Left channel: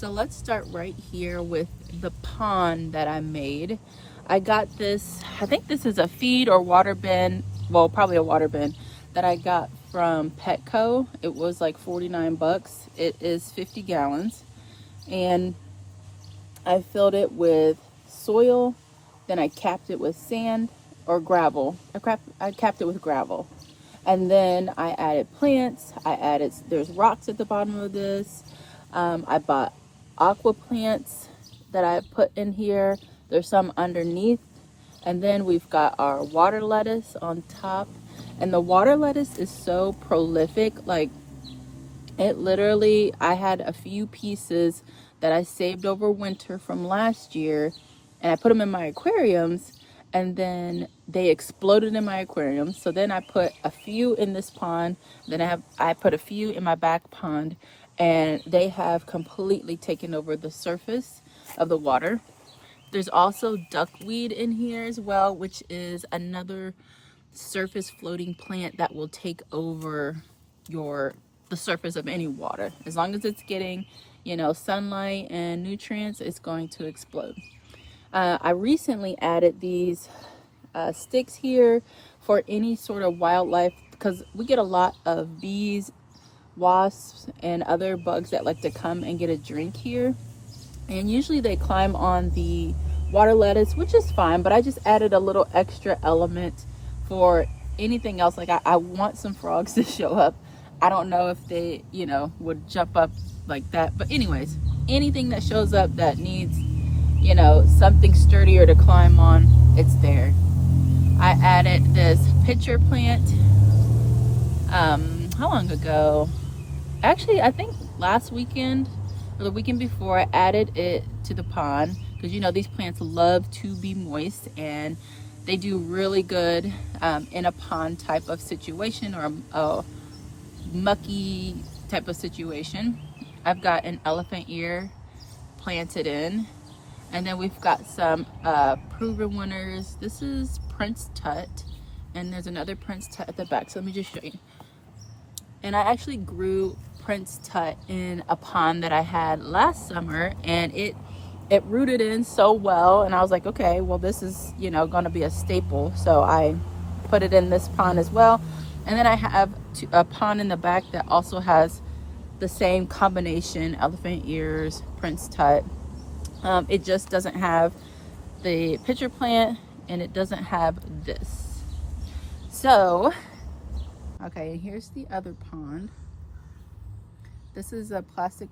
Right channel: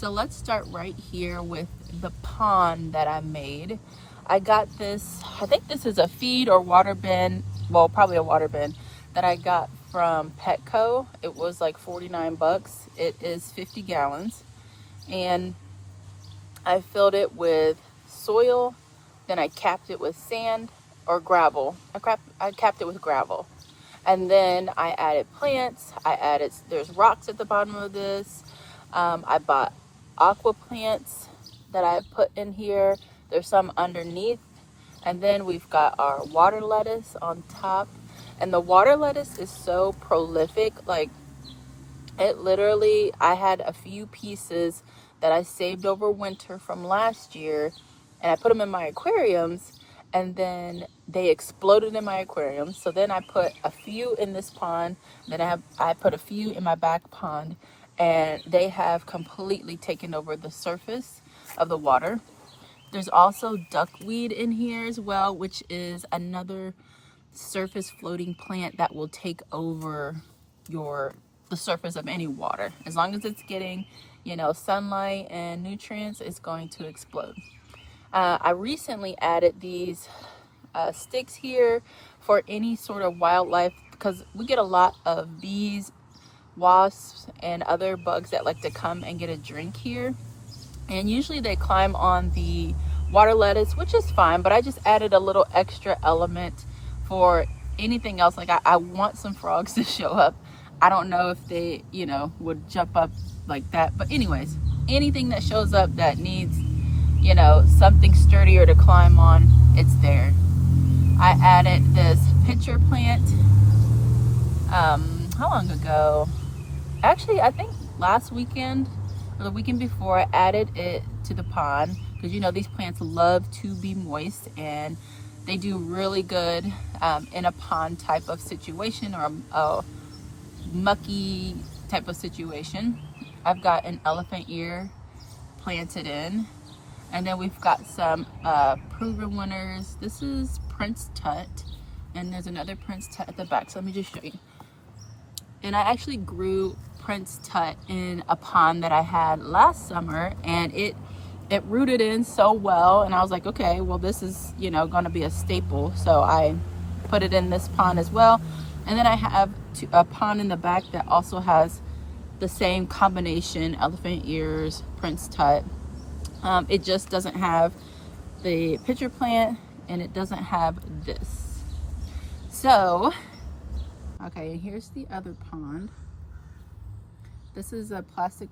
So let's start right here with the pond that I made. I got this, I think this is a feed or water bin, well, probably a water bin that I got from Petco. It was like 49 bucks. It is 50 gallons. And I filled it with soil, then I capped it with sand or gravel. I capped it with gravel. And then I added plants. There's rocks at the bottom of this. I bought aqua plants that I put in here. There's some underneath. And then we've got our water lettuce on top. And the water lettuce is so prolific. Like, it literally, I had a few pieces that I saved over winter from last year, and I put them in my aquariums, and then they exploded in my aquarium. So then I put a few in this pond, then I put a few in my back pond, and they have completely taken over the surface of the water. There's also duckweed in here as well, which is another surface floating plant that will take over the surface of any water. As long as it's getting, sunlight and nutrients, it's going to explode. I recently added these sticks here for any sort of wildlife, because we get a lot of bees, wasps, and other bugs that like to come and get a drink here. And usually they climb on the water lettuce, which is fine, but I just added a little extra element for anything else. Like I want some frogs to show up. I don't know if they, would jump up like that. But anyways, anything that shows up that needs, something sturdier to climb on, it's there. I added this pitcher plant, how long ago? Actually, I think last weekend or the weekend before, I added it to the pond because, these plants love to be moist, and they do really good in a pond type of situation or a mucky type of situation. I've got an elephant ear planted in, and then we've got some proven winners. This is Prince Tut, and there's another Prince Tut at the back, so let me just show you. And I actually grew Prince Tut in a pond that I had last summer, and it rooted in so well, and I was like, okay, well, this is going to be a staple, so I put it in this pond as well. And then I have a pond in the back that also has the same combination, elephant ears, Prince Tut. It just doesn't have the pitcher plant, and it doesn't have this. So, okay, and here's the other pond. This is a plastic